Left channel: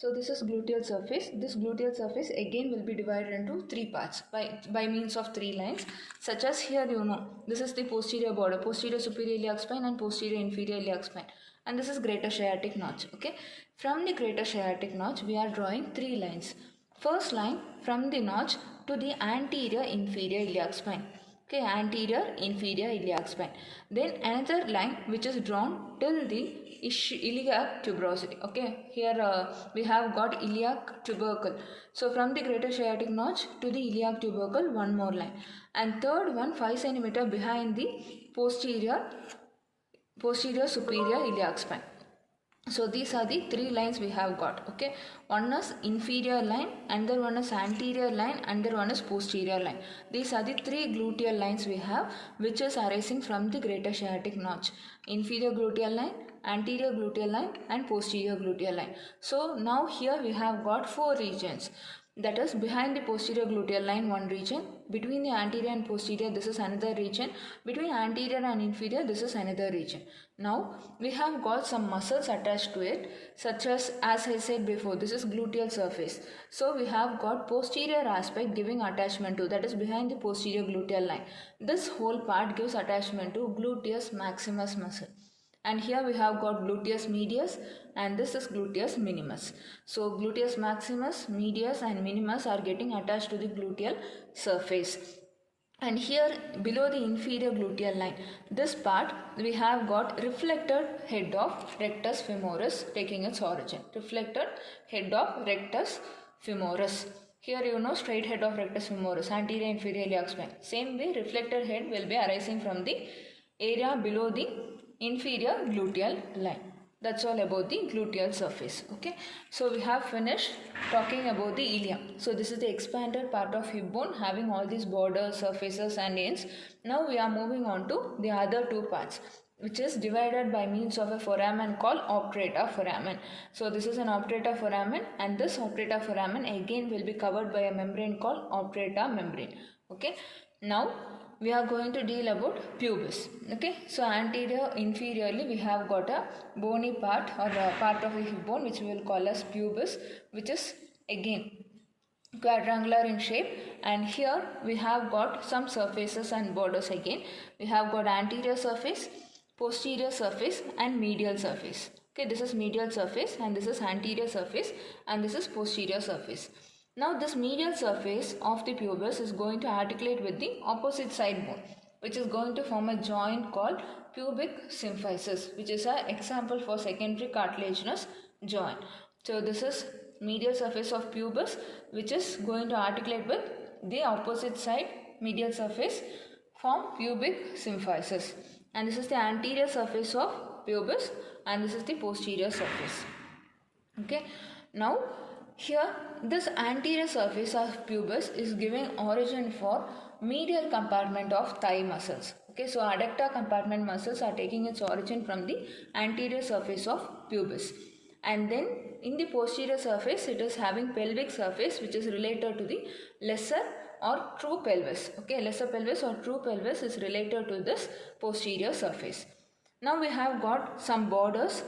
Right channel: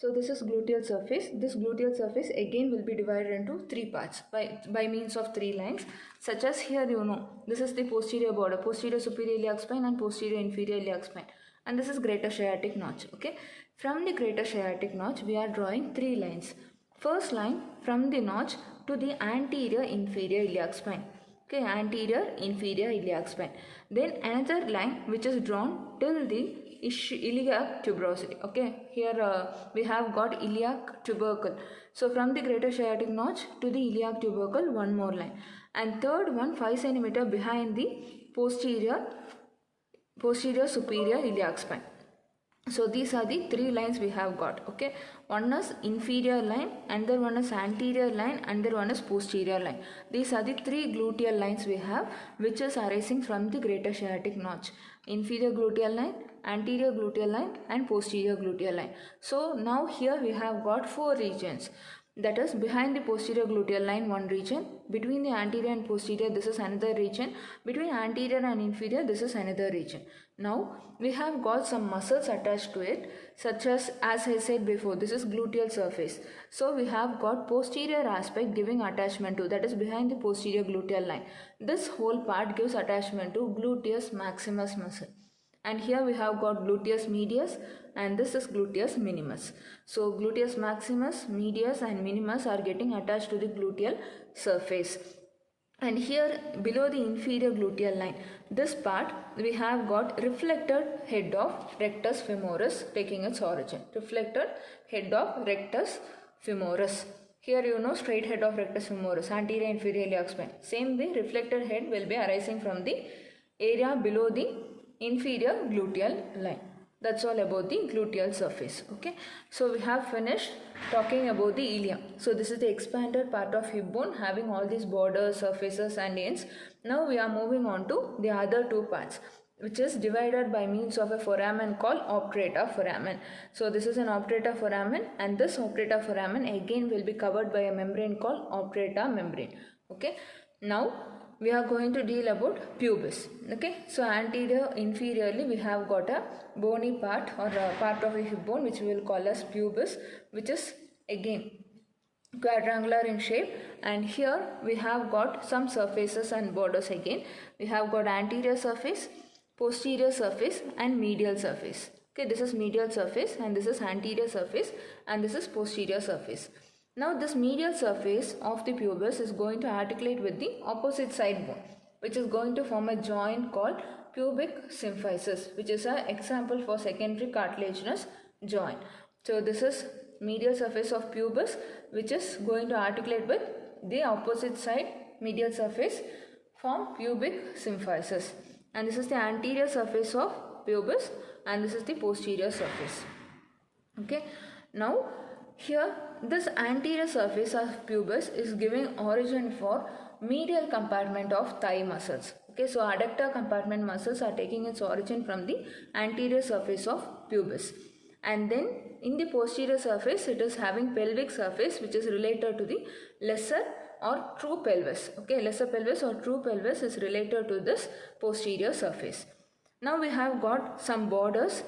So this is gluteal surface. This gluteal surface again will be divided into three parts by means of three lines, such as here this is the posterior border, posterior superior iliac spine and posterior inferior iliac spine, and this is greater sciatic notch. Okay, from the greater sciatic notch we are drawing three lines. First line from the notch to the anterior inferior iliac spine. Okay, anterior inferior iliac spine. Then another line which is drawn till the iliac tuberosity. Okay, here we have got iliac tubercle. So from the greater sciatic notch to the iliac tubercle, one more line, and third one 5 centimeter behind the posterior superior iliac spine. So these are the three lines we have got. Okay, one is inferior line, another one is anterior line, another one is posterior line. These are the three gluteal lines we have, which is arising from the greater sciatic notch: inferior gluteal line, anterior gluteal line and posterior gluteal line. So now here we have got four regions. That is, behind the posterior gluteal line one region, between the anterior and posterior this is another region, between anterior and inferior this is another region. Now we have got some muscles attached to it, such as I said before, this is gluteal surface. So we have got posterior aspect giving attachment to, that is behind the posterior gluteal line. This whole part gives attachment to gluteus maximus muscle. And here we have got gluteus medius and this is gluteus minimus. So gluteus maximus, medius and minimus are getting attached to the gluteal surface. And here below the inferior gluteal line, this part we have got reflected head of rectus femoris taking its origin. Reflected head of rectus femoris. Here straight head of rectus femoris, anterior inferior iliac spine. Same way reflected head will be arising from the area below the inferior gluteal line. That's all about the gluteal surface. Okay, so we have finished talking about the ilia. So this is the expanded part of hip bone having all these borders, surfaces and ends. Now we are moving on to the other two parts, which is divided by means of a foramen called obturator foramen. So this is an obturator foramen, and this obturator foramen again will be covered by a membrane called obturator membrane. Okay, now we are going to deal about pubis. Okay, so anterior inferiorly we have got a bony part or a part of the hip bone which we will call as pubis, which is again quadrangular in shape, and here we have got some surfaces and borders. Again we have got anterior surface, posterior surface and medial surface. Okay, this is medial surface and this is anterior surface and this is posterior surface. Now this medial surface of the pubis is going to articulate with the opposite side bone, which is going to form a joint called pubic symphysis, which is an example for secondary cartilaginous joint. So this is medial surface of pubis which is going to articulate with the opposite side medial surface, form pubic symphysis, and this is the anterior surface of pubis and this is the posterior surface. Okay, now here this anterior surface of pubis is giving origin for medial compartment of thigh muscles. Okay, so adductor compartment muscles are taking its origin from the anterior surface of pubis, and then in the posterior surface it is having pelvic surface which is related to the lesser or true pelvis. Okay, lesser pelvis or true pelvis is related to this posterior surface. Now we have got some borders.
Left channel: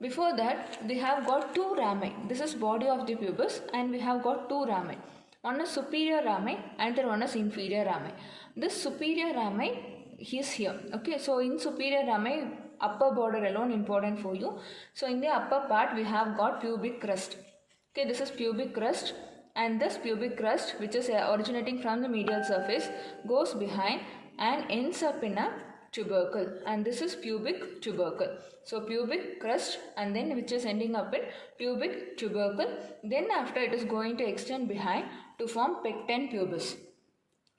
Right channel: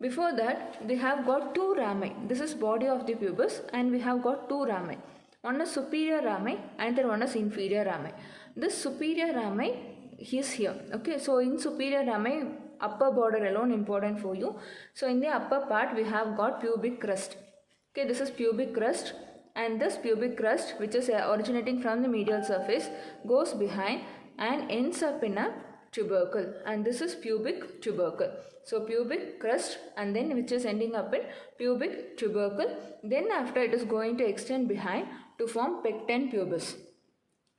Before that we have got two rami. This is body of the pubis and we have got two rami. One is superior rami and the one is inferior rami. This superior rami is here. Okay, so in superior rami, upper border alone important for you. So in the upper part we have got pubic crest. Okay, this is pubic crest, and this pubic crest which is originating from the medial surface goes behind and ends up in a tubercle, and this is pubic tubercle. So pubic crest and then which is ending up in pubic tubercle. Then after it is going to extend behind to form pecten pubis.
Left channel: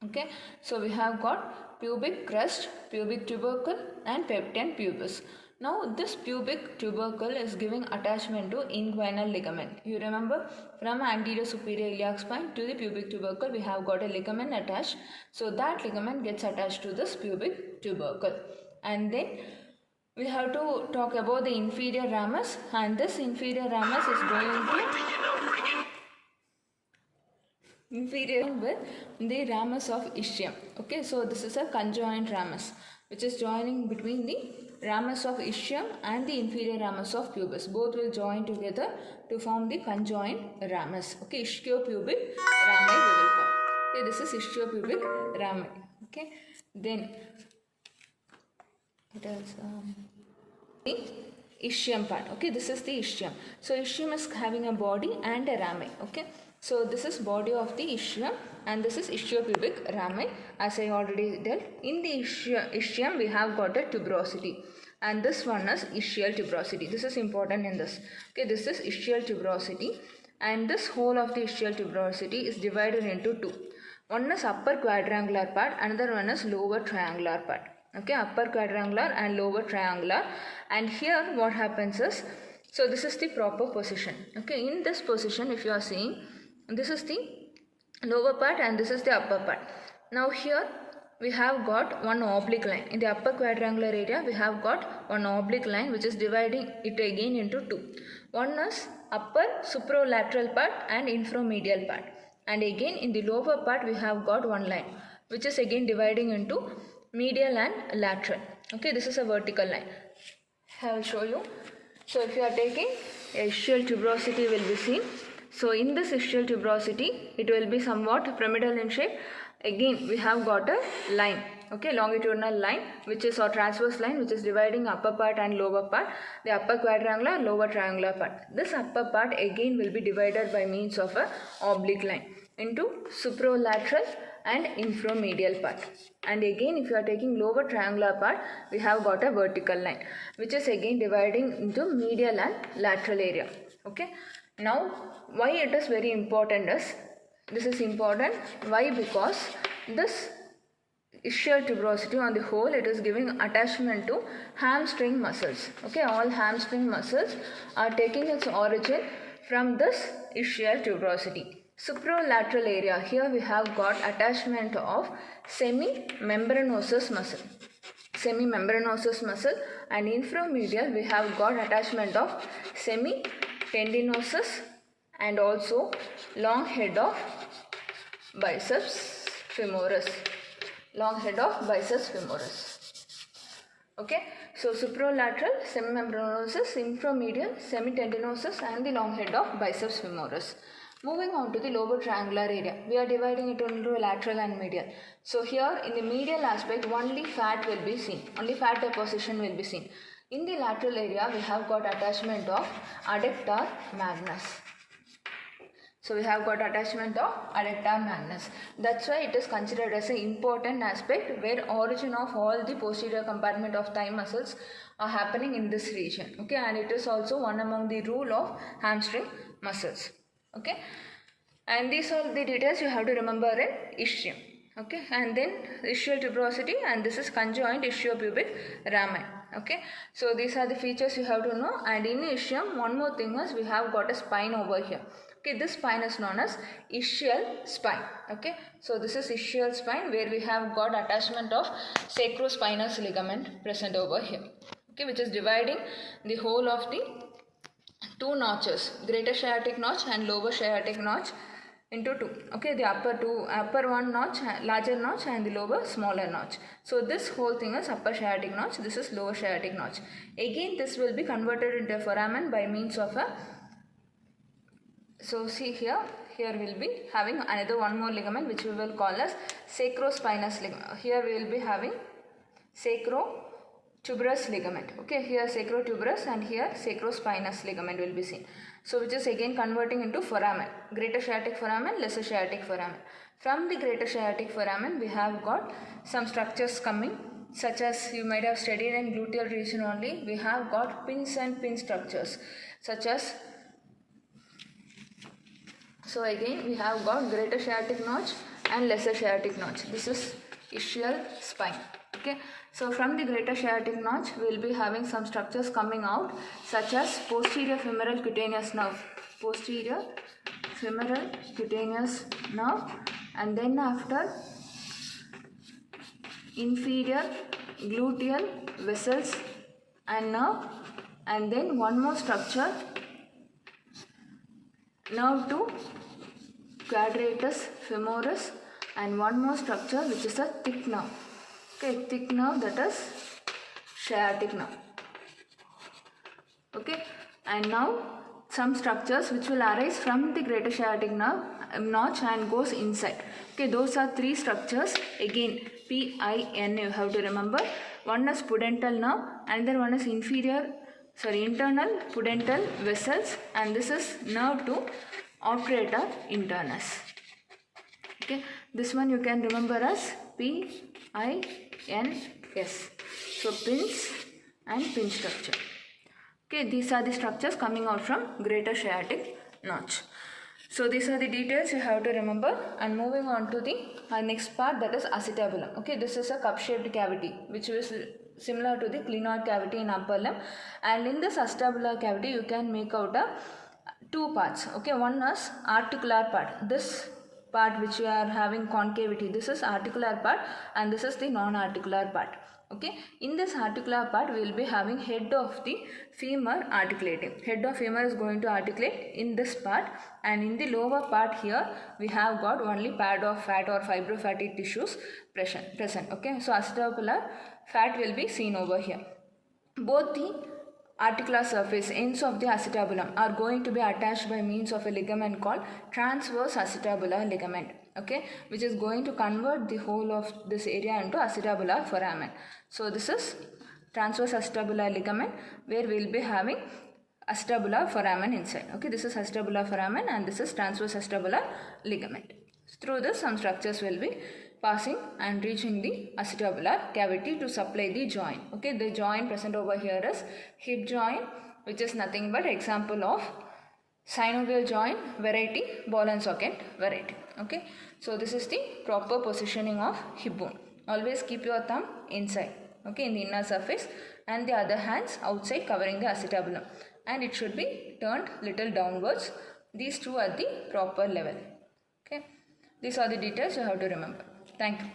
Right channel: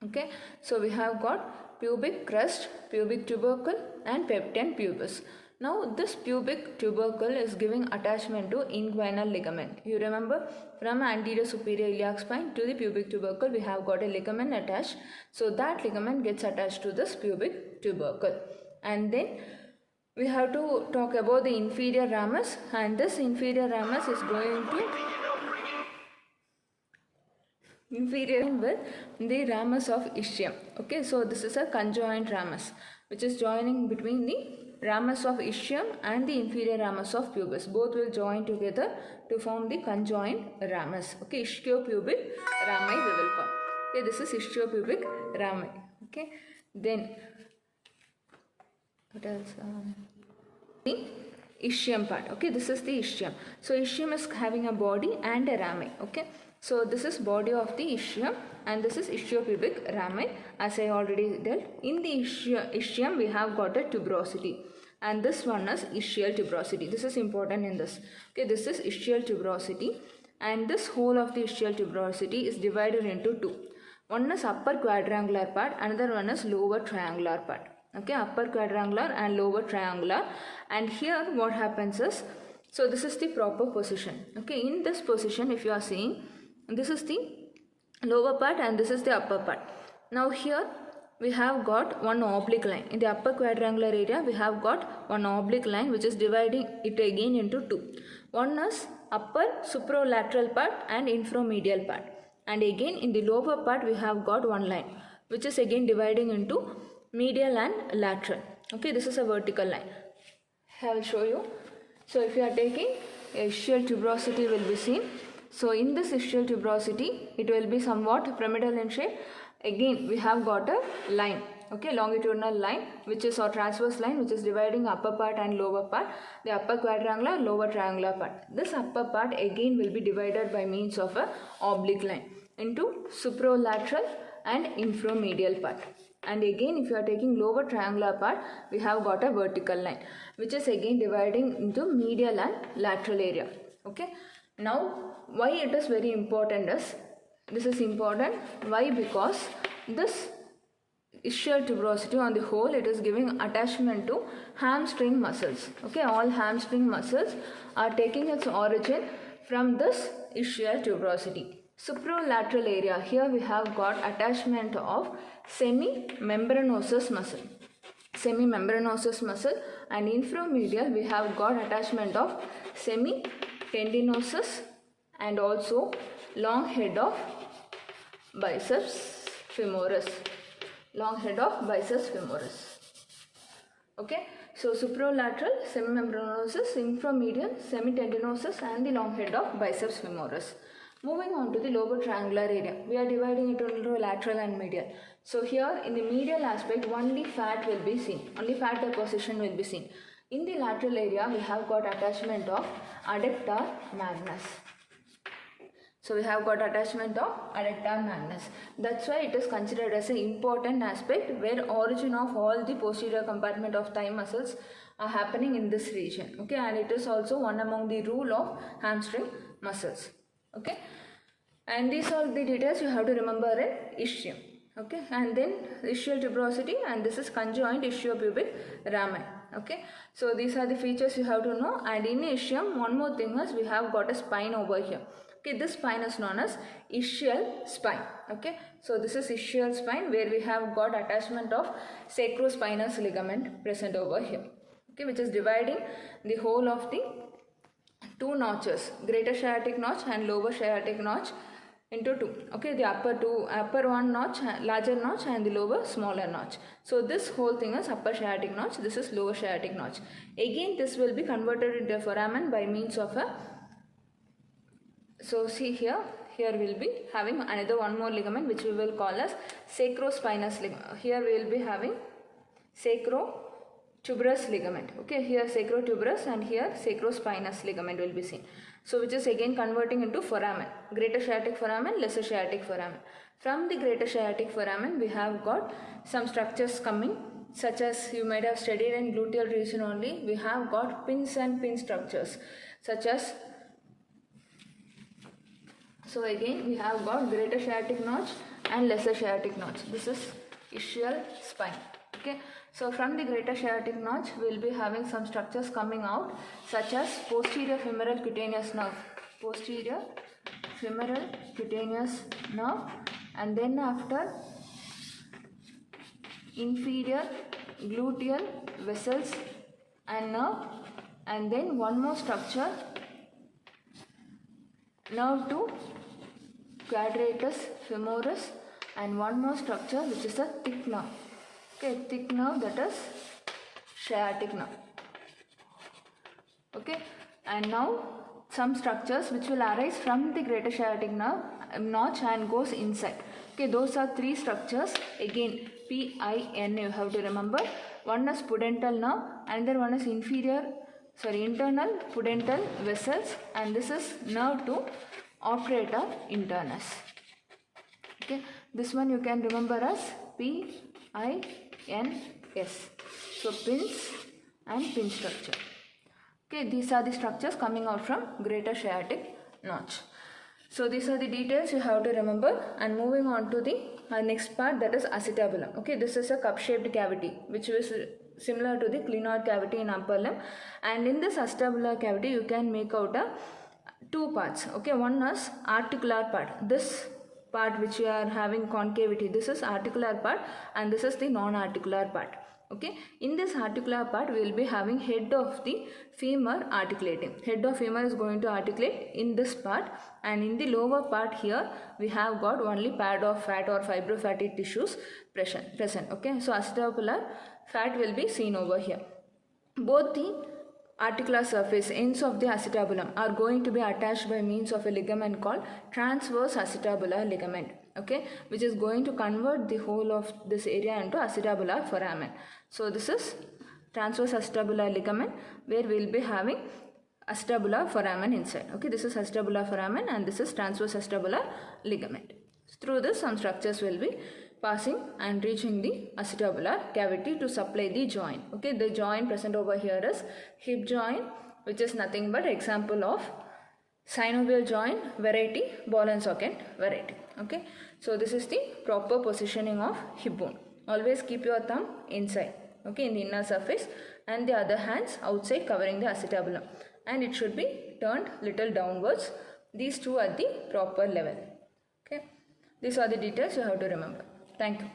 Okay, so we have got pubic crest, pubic tubercle and pecten pubis. Now this pubic tubercle is giving attachment to inguinal ligament. You remember, from anterior superior iliac spine to the pubic tubercle we have got a ligament attached. So that ligament gets attached to this pubic tubercle. And then we have to talk about the inferior ramus, and this inferior ramus is going to inferior with the ramus of ischium. Okay, so this is a conjoint ramus which is joining between the ramus of ischium and the inferior ramus of pubis. Both will join together to form the conjoined ramus. Okay, ischiopubic rami we will call. Okay, this is ischiopubic rami. Okay, then it is the ischium part. Okay, this is the ischium. So ischium is having a body and a rami. Okay, so this is body of the ischium and this is ischiopubic rami, as I already told. In the ischium we have got a tuberosity, and this one is ischial tuberosity. This is important in this. Okay, this is ischial tuberosity, and this whole of the ischial tuberosity is divided into two. One is upper quadrangular part, another one is lower triangular part. Okay, upper quadrangular and lower triangular. And here what happens is, so this is the proper position. Okay, in this position if you are seeing, this is the lower part and this is the upper part. Now here we have got one oblique line. In the upper quadrangular area we have got one oblique line which is dividing it again into two. One is upper superolateral part and inframedial part, and again in the lower part we have got one line which is again dividing into medial and lateral. Okay, this is a vertical line. I will show you. So if you are taking ischial tuberosity will be seen. So in this ischial tuberosity it will be somewhat pyramidal in shape. Again we have got a line, okay, longitudinal line which is, or transverse line which is dividing upper part and lower part, the upper quadrangular, lower triangular part. This upper part again will be divided by means of a oblique line into superolateral and inframedial part. And again if you are taking lower triangular part, we have got a vertical line which is again dividing into medial and lateral area. Okay, now why it is very important is, this is important, why? Because this ischial tuberosity on the whole, it is giving attachment to hamstring muscles. Okay, all hamstring muscles are taking its origin from this ischial tuberosity. Supralateral area, here we have got attachment of semimembranosus muscle. Semimembranosus muscle, and inframedial we have got attachment of semitendinosus and also long head of biceps femoris. Long head of biceps femoris. Okay, so supralateral, semimembranosus, inframedial, semitendinosus and the long head of biceps femoris. Moving on to the lower triangular area, we are dividing it into lateral and medial. So here in the medial aspect only fat will be seen, only fat deposition will be seen. In the lateral area we have got attachment of adductor magnus. So we have got attachment of adductor magnus. That's why it is considered as an important aspect where origin of all the posterior compartment of thigh muscles are happening in this region. Okay, and it is also one among the rule of hamstring muscles. Okay, and these are the details you have to remember in ischium. Okay, and then ischial tuberosity, and this is conjoined ischiopubic rami. Okay, so these are the features you have to know. And in ischium, one more thing is we have got a spine over here. Okay, this spine is known as ischial spine. Okay, so this is ischial spine where we have got attachment of sacrospinous ligament present over here. Okay, which is dividing the whole of the two notches, greater sciatic notch and lower sciatic notch, into two. Okay, the upper one notch, larger notch, and the lower smaller notch. So this whole thing is upper sciatic notch, this is lower sciatic notch. Again this will be converted into a foramen by means of a, so see here we'll be having another one more ligament which we will call as sacrospinous ligament. Here we will be having sacrotuberous ligament. Okay, here sacrotuberous and here sacrospinous ligament will be seen. So which is again converting into foramen, greater sciatic foramen, lesser sciatic foramen. From the greater sciatic foramen we have got some structures coming, such as you might have studied in gluteal region only. We have got pins and pin structures such as, so again we have got greater sciatic notch and lesser sciatic notch. This is ischial spine. Okay, so from the greater sciatic notch we will be having some structures coming out, such as posterior femoral cutaneous nerve, posterior femoral cutaneous nerve, and then after inferior gluteal vessels and nerve, and then one more structure, nerve to quadratus femoris, and one more structure which is a thick nerve. Okay, thick nerve, that is sciatic nerve. Okay, and now some structures which will arise from the greater sciatic nerve notch and goes inside. Okay, those are three structures. Again, PIN you have to remember. One is pudendal nerve, another one is internal pudendal vessels, and this is nerve to obturator internus. Okay, this one you can remember as PINS. So pins and pin structure. Okay, these are the structures coming out from greater sciatic notch. So these are the details you have to remember, and moving on to the next part, that is acetabulum. Okay, this is a cup-shaped cavity which is similar to the clinoid cavity in upper limb, and in this acetabular cavity you can make out two parts. Okay, one is articular part. This part which we are having concavity, this is articular part, and this is the non-articular part. Okay, in this articular part we will be having head of the femur articulating. Head of femur is going to articulate in this part, and in the lower part here we have got only pad of fat or fibrofatty tissues present. Okay, so acetabular fat will be seen over here. Both the articular surface ends of the acetabulum are going to be attached by means of a ligament called transverse acetabular ligament. Okay, which is going to convert the whole of this area into acetabular foramen. So this is transverse acetabular ligament, where we will be having acetabular foramen inside. Okay, this is acetabular foramen and this is transverse acetabular ligament. Through this, some structures will be passing and reaching the acetabular cavity to supply the joint. Okay, the joint present over here is hip joint, which is nothing but example of synovial joint variety, ball and socket variety. Okay, so this is the proper positioning of hip bone. Always keep your thumb inside, okay, in the inner surface, and the other hands outside covering the acetabulum, and it should be turned little downwards. These two are the proper level. Okay, these are the details you have to remember. Thank you.